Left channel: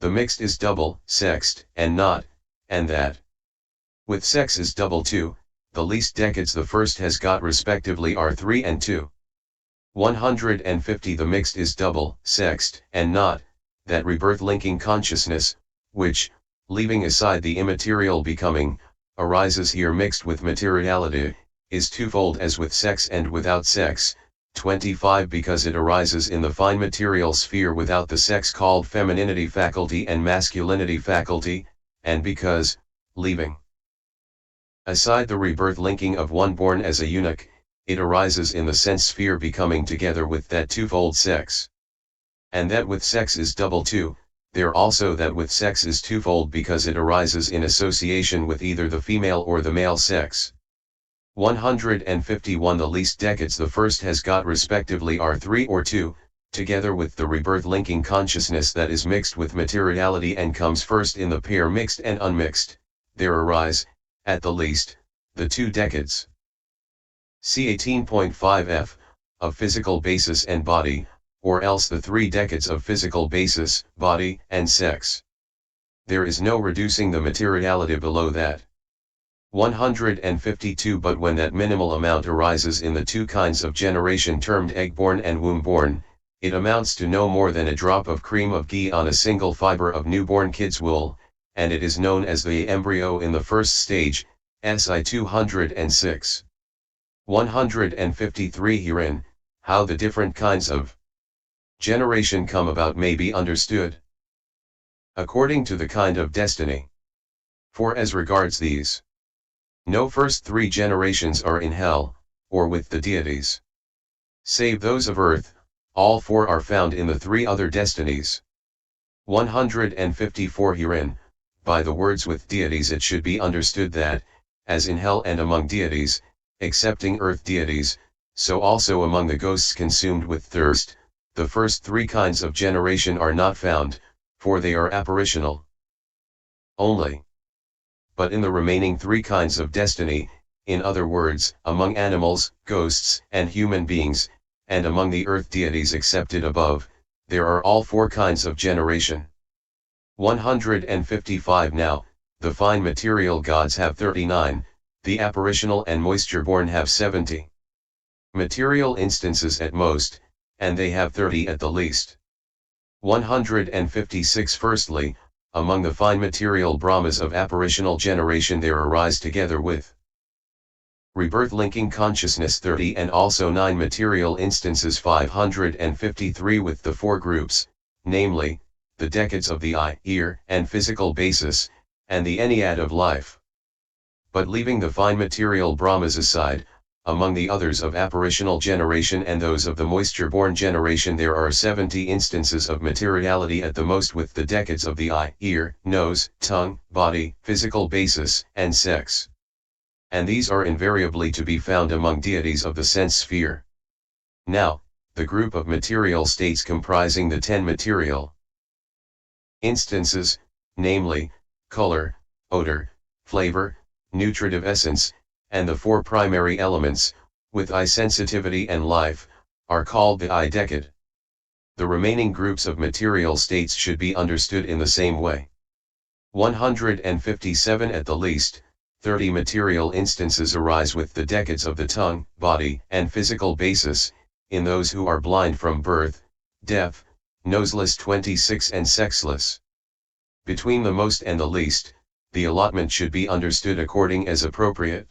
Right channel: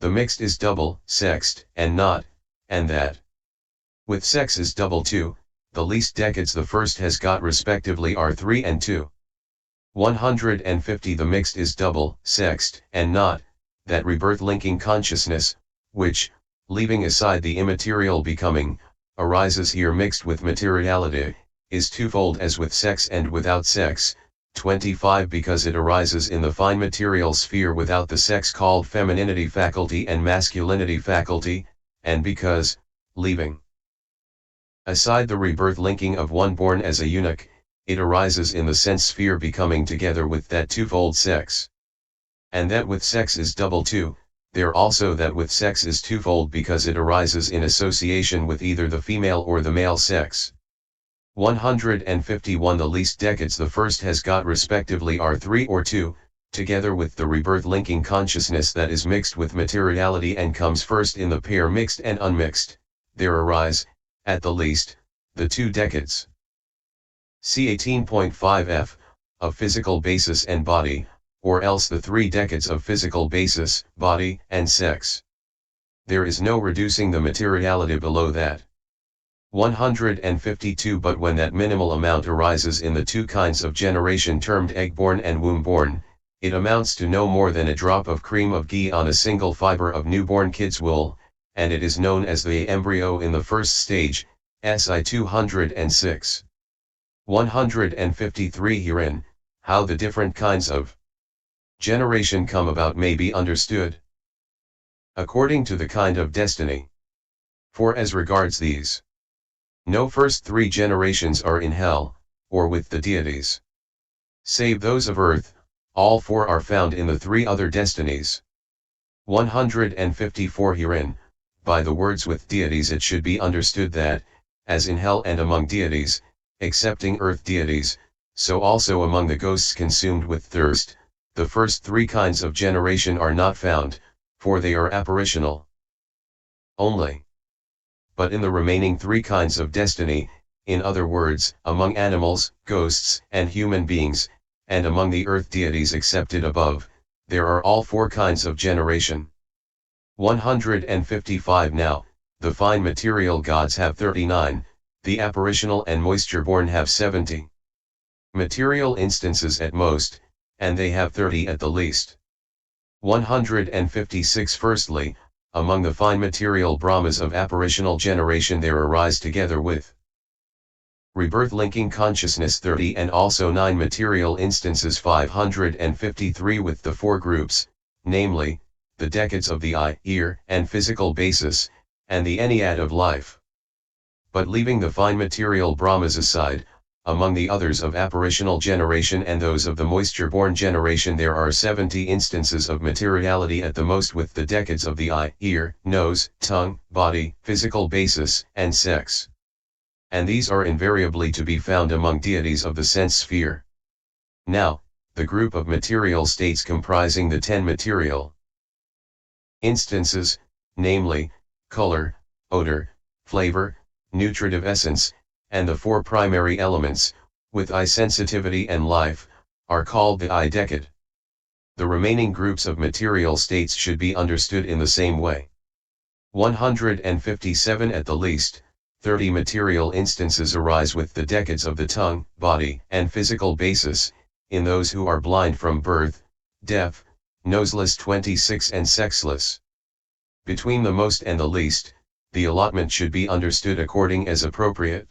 The mixed is double, sexed, and not, and that. With sex is double 2, the least decades the first has got respectively are 3 and 2. 150 The mixed is double, sexed, and not, that rebirth-linking consciousness, which, leaving aside the immaterial becoming, arises here mixed with materiality, is twofold as with sex and without sex. 25 Because it arises in the fine material sphere without the sex called femininity faculty and masculinity faculty, and because, leaving aside the rebirth linking of one born as a eunuch, it arises in the sense sphere becoming together with that twofold sex. And that with sex is double 2, there also that with sex is twofold because it arises in association with either the female or the male sex. 151 The least decades the first has got respectively are 3 or 2, together with the rebirth linking consciousness that is mixed with materiality and comes first in the pair mixed and unmixed, there arise, at the least, the 2 decades. See 18.5f, of physical basis and body, or else the 3 decades of physical basis, body, and sex. There is no reducing the materiality below that. 152 But when that minimal amount arises in the 2 kinds of generation termed egg-born and womb-born, it amounts to no more than a drop of cream of ghee on a single fiber of newborn kid's wool, and it is known as the embryo in the first stage, SI 206. 153 Herein, how the different kinds of generation come about may be understood according to the kind of destiny. For as regards these, no first 3 generations are in hell, or with the deities. Save those of earth, all 4 are found in the 3 other destinies. 154 Herein, by the words with deities it should be understood that, as in hell and among deities, excepting earth deities, so also among the ghosts consumed with thirst, the first 3 kinds of generation are not found, for they are apparitional only. But in the remaining 3 kinds of destiny, in other words, among animals, ghosts, and human beings, and among the earth deities excepted above, there are all 4 kinds of generation. 155 Now, the fine material gods have 39, the apparitional and moisture-born have 70. Material instances at most, and they have 30 at the least. 156 Firstly, among the fine material Brahmas of apparitional generation there arise together with rebirth-linking consciousness 30 and also 9 material instances 553 with the 4 groups, namely, the decades of the eye, ear, and physical basis, and the ennead of life. But leaving the fine material Brahmas aside, among the others of apparitional generation and those of the moisture-born generation there are 70 instances of materiality at the most with the decades of the eye, ear, nose, tongue, body, physical basis, and sex. And these are invariably to be found among deities of the sense sphere. Now, the group of material states comprising the 10 material instances, namely, color, odor, flavor, nutritive essence, and the 4 primary elements, with eye sensitivity and life, are called the eye decade. The remaining groups of material states should be understood in the same way. 157 At the least, 30 material instances arise with the decades of the tongue, body, and physical basis, in those who are blind from birth, deaf, noseless 26 and sexless. Between the most and the least, the allotment should be understood according as appropriate.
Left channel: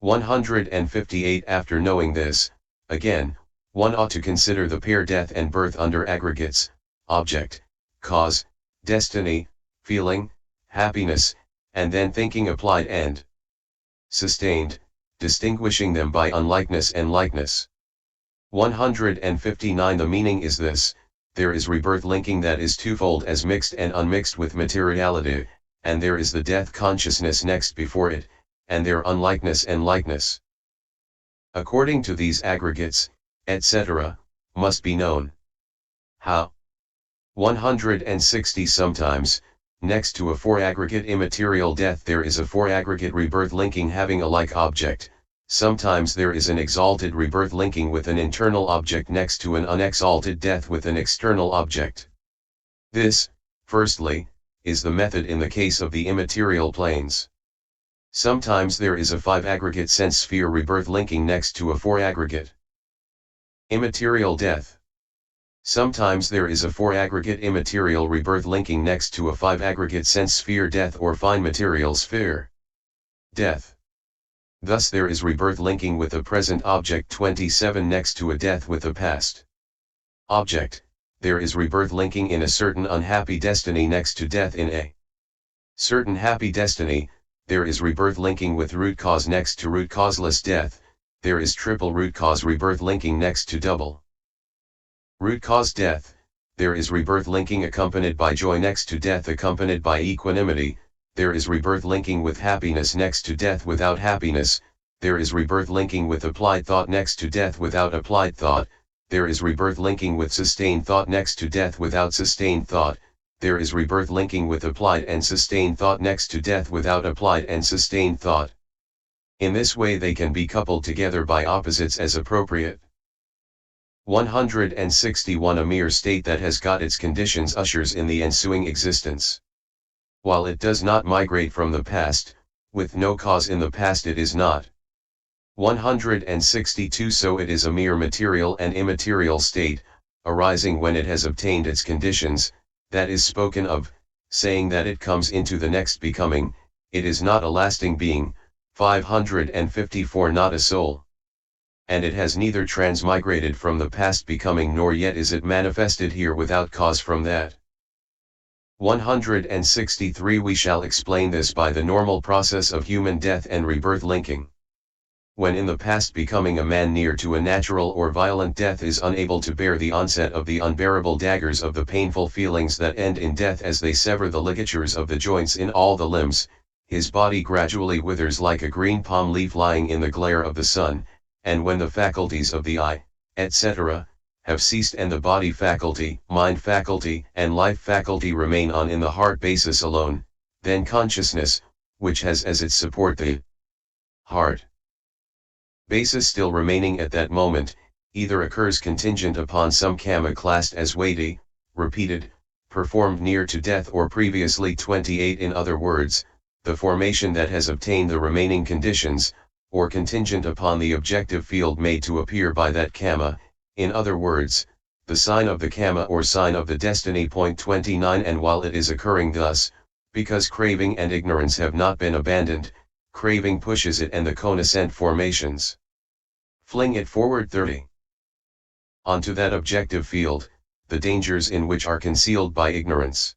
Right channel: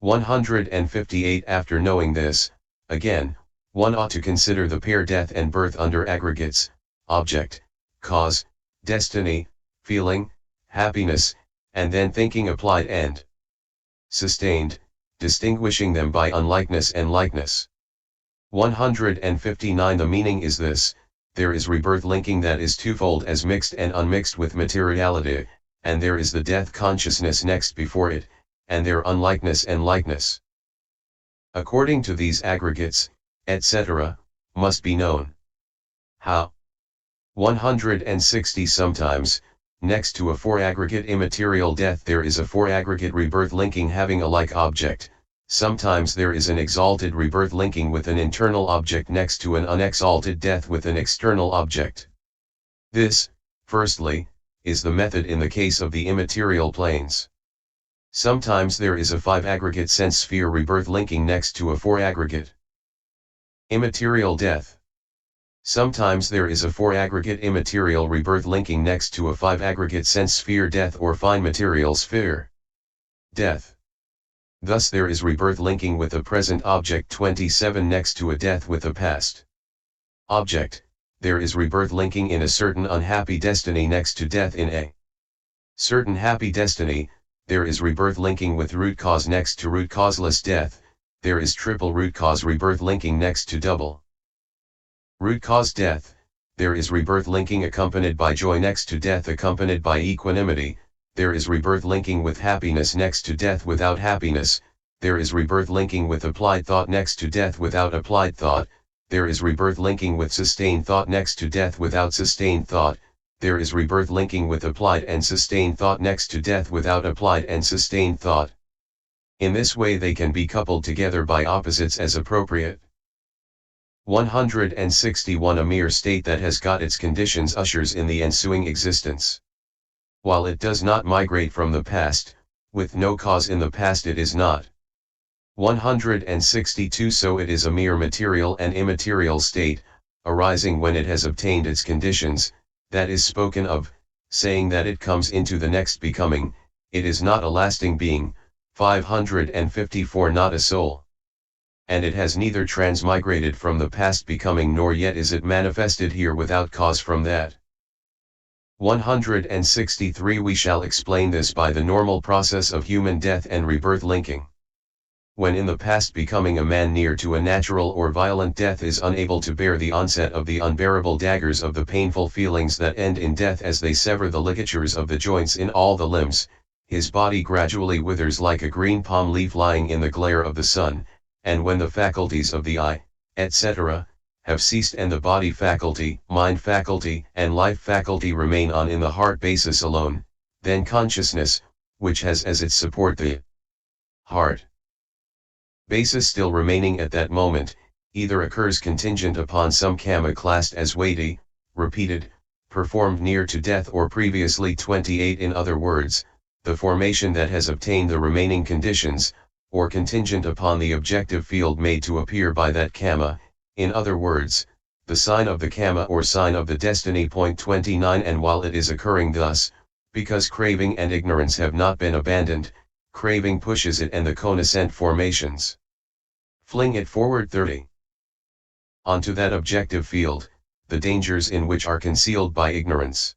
158 After knowing this, again, one ought to consider the pair death and birth under aggregates, object, cause, destiny, feeling, happiness, and then thinking applied and sustained, distinguishing them by unlikeness and likeness. 159 The meaning is this: there is rebirth linking that is twofold as mixed and unmixed with materiality, and there is the death consciousness next before it, and their unlikeness and likeness. According to these aggregates, etc., must be known. How? 160 Sometimes, next to a 4-aggregate immaterial death there is a 4-aggregate rebirth linking having a like object. Sometimes there is an exalted rebirth linking with an internal object next to an unexalted death with an external object. This, firstly, is the method in the case of the immaterial planes. Sometimes there is a 5 aggregate sense sphere rebirth linking next to a 4 aggregate immaterial death. Sometimes there is a 4 aggregate immaterial rebirth linking next to a 5 aggregate sense sphere death or fine material sphere death. Thus there is rebirth linking with a present object 27 next to a death with a past object. There is rebirth linking in a certain unhappy destiny next to death in a certain happy destiny. There is rebirth linking with root cause next to root causeless death. There is triple root cause rebirth linking next to double root cause death. There is rebirth linking accompanied by joy next to death accompanied by equanimity. There is rebirth linking with happiness next to death without happiness. There is rebirth linking with applied thought next to death without applied thought. There is rebirth linking with sustained thought next to death without sustained thought. There is rebirth linking with applied and sustained thought next to death without applied and sustained thought. In this way they can be coupled together by opposites as appropriate. 161 A mere state that has got its conditions ushers in the ensuing existence. While it does not migrate from the past, with no cause in the past it is not. 162 So it is a mere material and immaterial state, arising when it has obtained its conditions, that is spoken of, saying that it comes into the next becoming. It is not a lasting being. 554 Not a soul. And it has neither transmigrated from the past becoming nor yet is it manifested here without cause from that. 163 We shall explain this by the normal process of human death and rebirth linking. When in the past becoming a man near to a natural or violent death is unable to bear the onset of the unbearable daggers of the painful feelings that end in death as they sever the ligatures of the joints in all the limbs, his body gradually withers like a green palm leaf lying in the glare of the sun, and when the faculties of the eye, etc., have ceased and the body faculty, mind faculty, and life faculty remain on in the heart basis alone, then consciousness, which has as its support the heart basis still remaining at that moment, either occurs contingent upon some karma classed as weighty, repeated, performed near to death or previously 28 In other words, the formation that has obtained the remaining conditions, or contingent upon the objective field made to appear by that karma, in other words, the sign of the karma or sign of the destiny. 29 And while it is occurring thus, because craving and ignorance have not been abandoned, craving pushes it and the connascent formations fling it forward 30. Onto that objective field, the dangers in which are concealed by ignorance.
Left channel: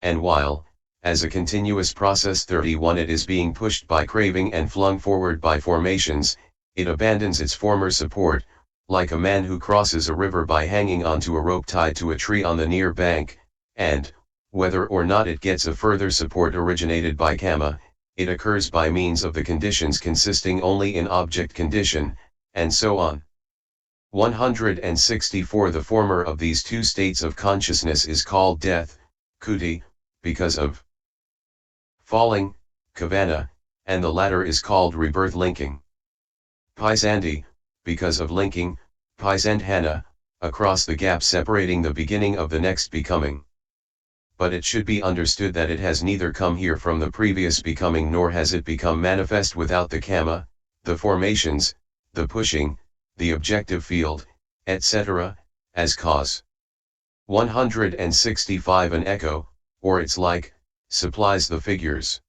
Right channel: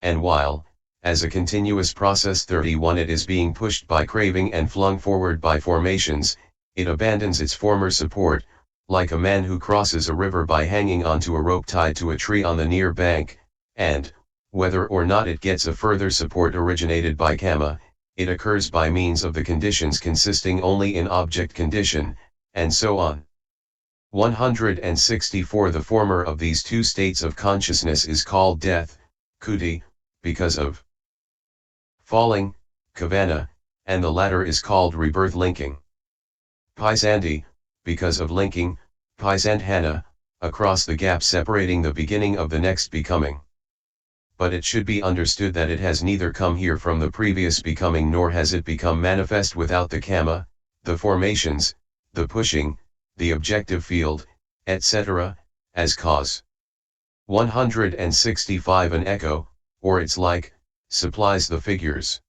And while, as a continuous process 31 it is being pushed by craving and flung forward by formations, it abandons its former support, like a man who crosses a river by hanging onto a rope tied to a tree on the near bank, and, whether or not it gets a further support originated by karma, it occurs by means of the conditions consisting only in object condition, and so on. 164 The former of these two states of consciousness is called death, kuti, because of falling, kavana, and the latter is called rebirth linking. Pisandi, because of linking, pisandhana, across the gap separating the beginning of the next becoming. But it should be understood that it has neither come here from the previous becoming nor has it become manifest without the karma, the formations, the pushing, the objective field, etc., as cause. 165 An echo, or its like, supplies the figures.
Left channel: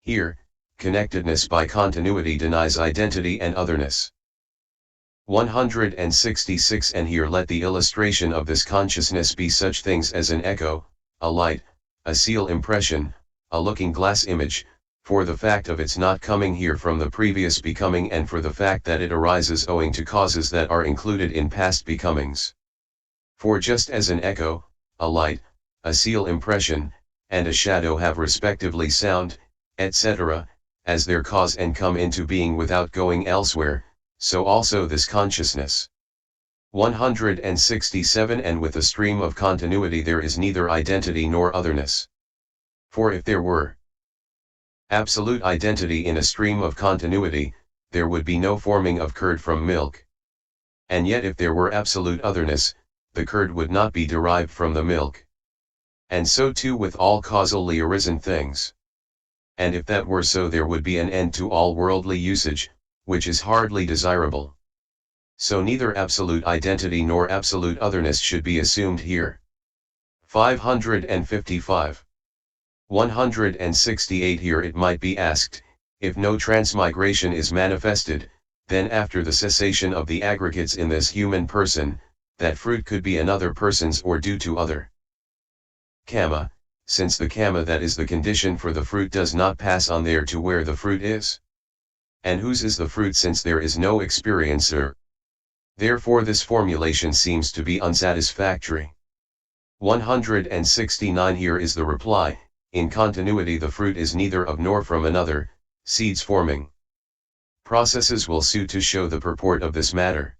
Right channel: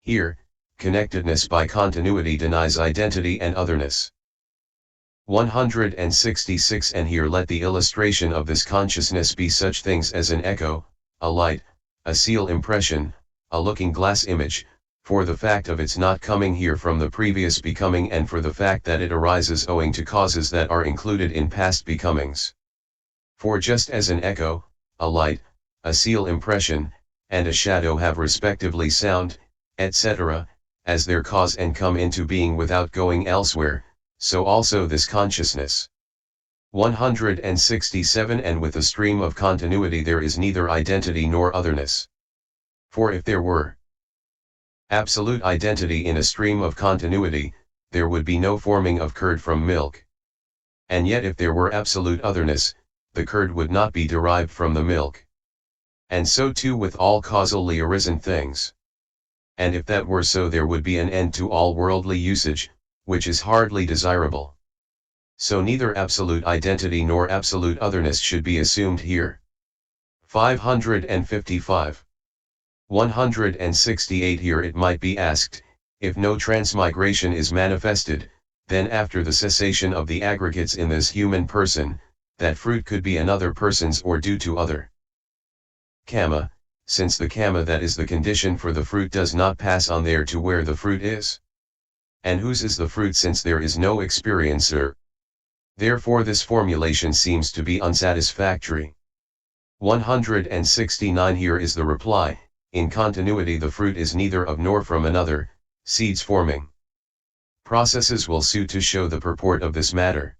Here, connectedness by continuity denies identity and otherness. 166 And here let the illustration of this consciousness be such things as an echo, a light, a seal impression, a looking glass image, for the fact of its not coming here from the previous becoming and for the fact that it arises owing to causes that are included in past becomings. For just as an echo, a light, a seal impression, and a shadow have respectively sound, etc., as their cause and come into being without going elsewhere, so also this consciousness. 167 And with a stream of continuity there is neither identity nor otherness. For if there were absolute identity in a stream of continuity, there would be no forming of curd from milk. And yet if there were absolute otherness, the curd would not be derived from the milk. And so too with all causally arisen things. And if that were so, there would be an end to all worldly usage, which is hardly desirable. So neither absolute identity nor absolute otherness should be assumed here. 555. 168. Here it might be asked, if no transmigration is manifested, then after the cessation of the aggregates in this human person, that fruit could be another person's or due to other karma, since the karma that is the condition for the fruit does not pass on there to where the fruit is. And whose is the fruit, since there is no experiencer? Therefore this formulation seems to be unsatisfactory. 169. Here is the reply, in continuity the fruit is neither of nor from another, seeds forming. Processes will suit to show the purport of this matter.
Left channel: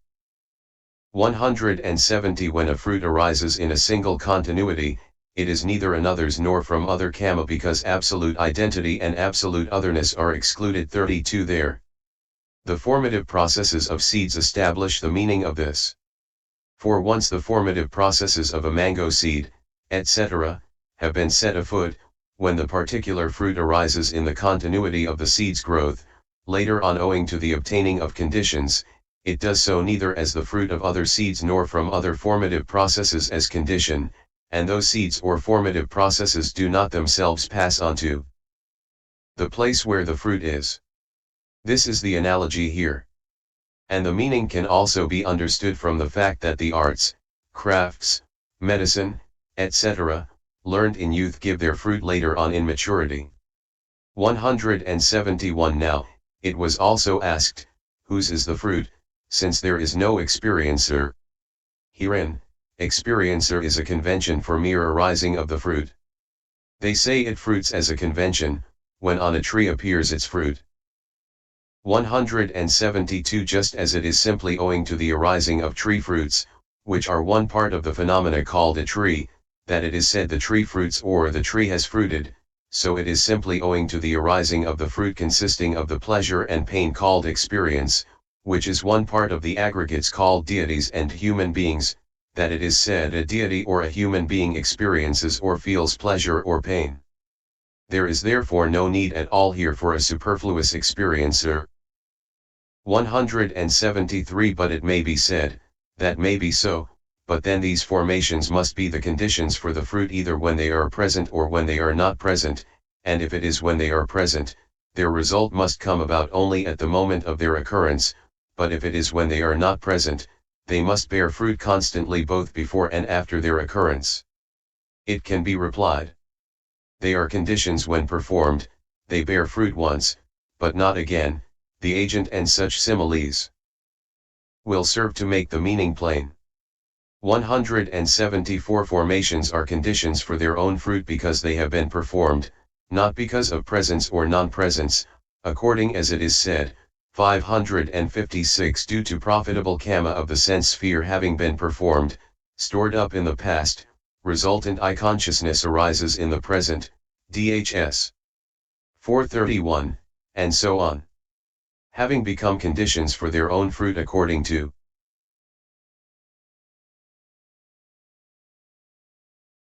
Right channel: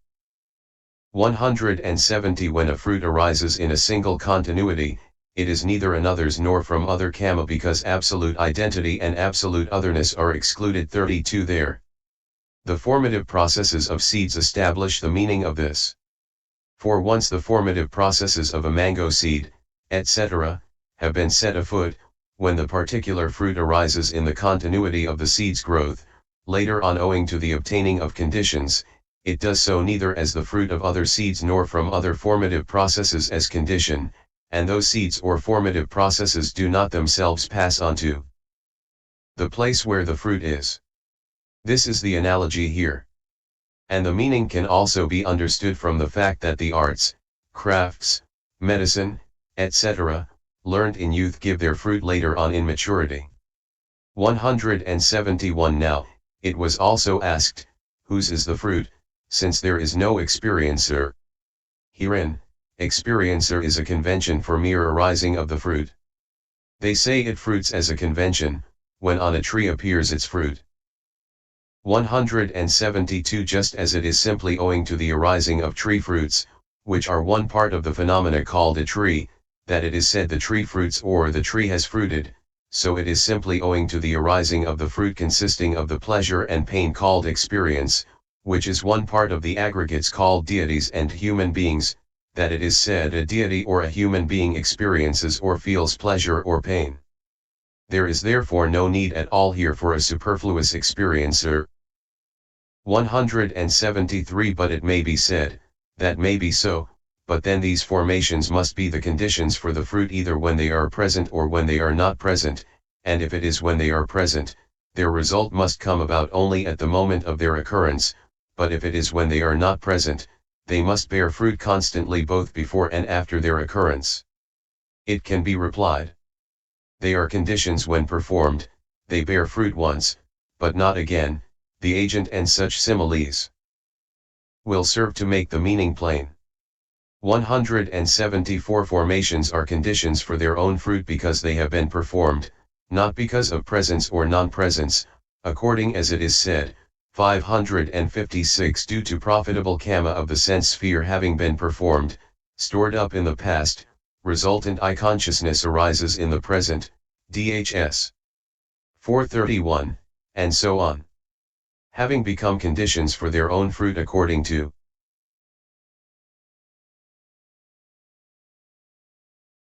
170. When a fruit arises in a single continuity, it is neither another's nor from other karma, because absolute identity and absolute otherness are excluded. 32. There. The formative processes of seeds establish the meaning of this. For once the formative processes of a mango seed, etc., have been set afoot, when the particular fruit arises in the continuity of the seed's growth, later on owing to the obtaining of conditions, it does so neither as the fruit of other seeds nor from other formative processes as condition, and those seeds or formative processes do not themselves pass on to the place where the fruit is. This is the analogy here. And the meaning can also be understood from the fact that the arts, crafts, medicine, etc., learned in youth give their fruit later on in maturity. 171. Now, it was also asked, whose is the fruit, since there is no experiencer? Herein, experiencer is a convention for mere arising of the fruit. They say it fruits as a convention, when on a tree appears its fruit. 172. Just as it is simply owing to the arising of tree fruits, which are one part of the phenomena called a tree, that it is said the tree fruits or the tree has fruited, so it is simply owing to the arising of the fruit consisting of the pleasure and pain called experience, which is one part of the aggregates called deities and human beings, that it is said a deity or a human being experiences or feels pleasure or pain. There is therefore no need at all here for a superfluous experiencer. 173. But it may be said, that may be so, but then these formations must be the conditions for the fruit either when they are present or when they are not present, and if it is when they are present, their result must come about only at the moment of their occurrence, but if it is when they are not present, they must bear fruit constantly both before and after their occurrence. It can be replied. They are conditions when performed, they bear fruit once, but not again. The agent and such similes will serve to make the meaning plain. 174. Formations are conditions for their own fruit because they have been performed, not because of presence or non-presence, according as it is said, 556. Due to profitable karma of the sense sphere having been performed, stored up in the past, resultant I-consciousness arises in the present, dhs. 431, and so on. Having become conditions for their own fruit according to